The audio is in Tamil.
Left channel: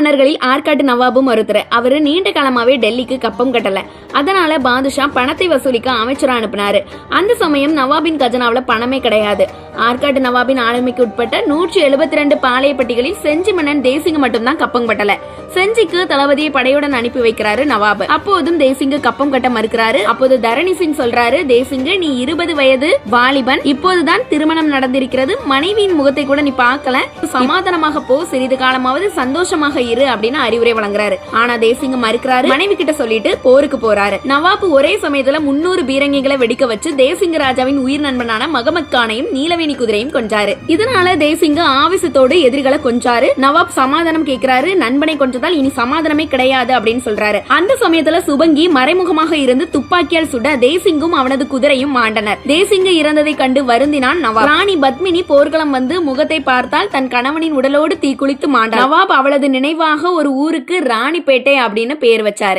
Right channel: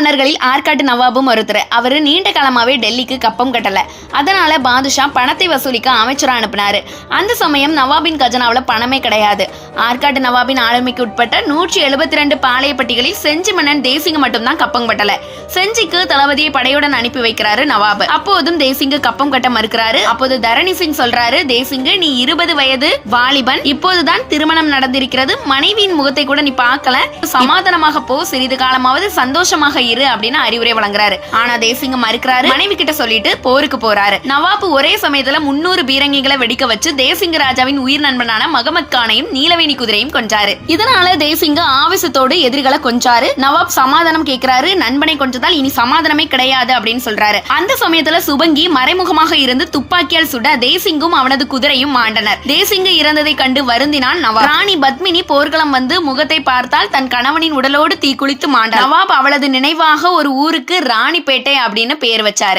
மன்னர்களில் ஆற்காட்டு நவாபும் ஒருத்தர். அவர் நீண்ட காலமாவே டெல்லிக்கு கப்பம் கட்டலை. அதனால பாதுஷா பணத்தை வசூலிக்க அமைச்சராக அனுப்பினாரு. அந்த சமயம் நவாபின் கஜனாவில் பணமே கிடையாது. ஆற்காட்டு நவாபின் ஆளுமைக்கு உட்பட்ட நூற்றி எழுபத்தி ரெண்டு பாளையப்பட்டிகளில் செஞ்சி மன்னன் தேசிங்க மட்டும்தான் கப்பம் கட்டல. செஞ்சிக்கு தளபதியை படையுடன் அனுப்பி வைக்கிறாரு நவாப். அப்போதும் தேசிங்கு கப்பம் கட்ட மறுக்கிறாரு. அப்போது தரணி சிங் சொல்றாரு தேசிங்கு நீ இருபது வயது வாலிபன். இப்போதுதான் திருமணம் நடந்திருக்கிறது. மனைவியின் முகத்தை கூட நீ பார்க்கல. சமாதானமாக போ. சிறிது காலமாவது சந்தோஷமாக இரு அப்படின்னு அறிவுரை வழங்குறாரு. ஆனா தேசிங்க மறுக்கிறாரு. மனைவி கிட்ட சொல்லிட்டு போருக்கு போறாரு. நவாப் ஒரே சமயத்துல முன்னூறு பீரங்கிகளை வெடிக்க வச்சு தேசிங்க ராஜாவின் உயிர் நண்பனான மகமத் கானையும் நீலவேணி குதிரையும் கொன்றாரு. இதனால தேசிங்க ஆவேசத்தோடு எதிரிகளை கொஞ்சாரு நவாப் சமாதானம் கேட்கிறாரு நண்பனை கொஞ்சதால் இனி சமாதானமே கிடையாது அப்படின்னு சொல்றாரு. அந்த சமயத்துல சுபங்கி மறைமுகமாக இருந்து துப்பாக்கியால் சுட தேசிங்கும் அவனது குதிரையும் மாண்டனர். தேசிங்கு இறந்ததை கண்டு வருந்தினான் நவாப். ராணி பத்மினி போர்க்களம் வந்து முகத்தை பார்த்தால் தன் கணவனின் உடலோடு தீக்குளித்து மாண்டார். நவாப் அவளது நினைவு நினைவாக ஒரு ஊருக்கு ராணிப்பேட்டை அப்படின்னு பேர் வச்சாரு.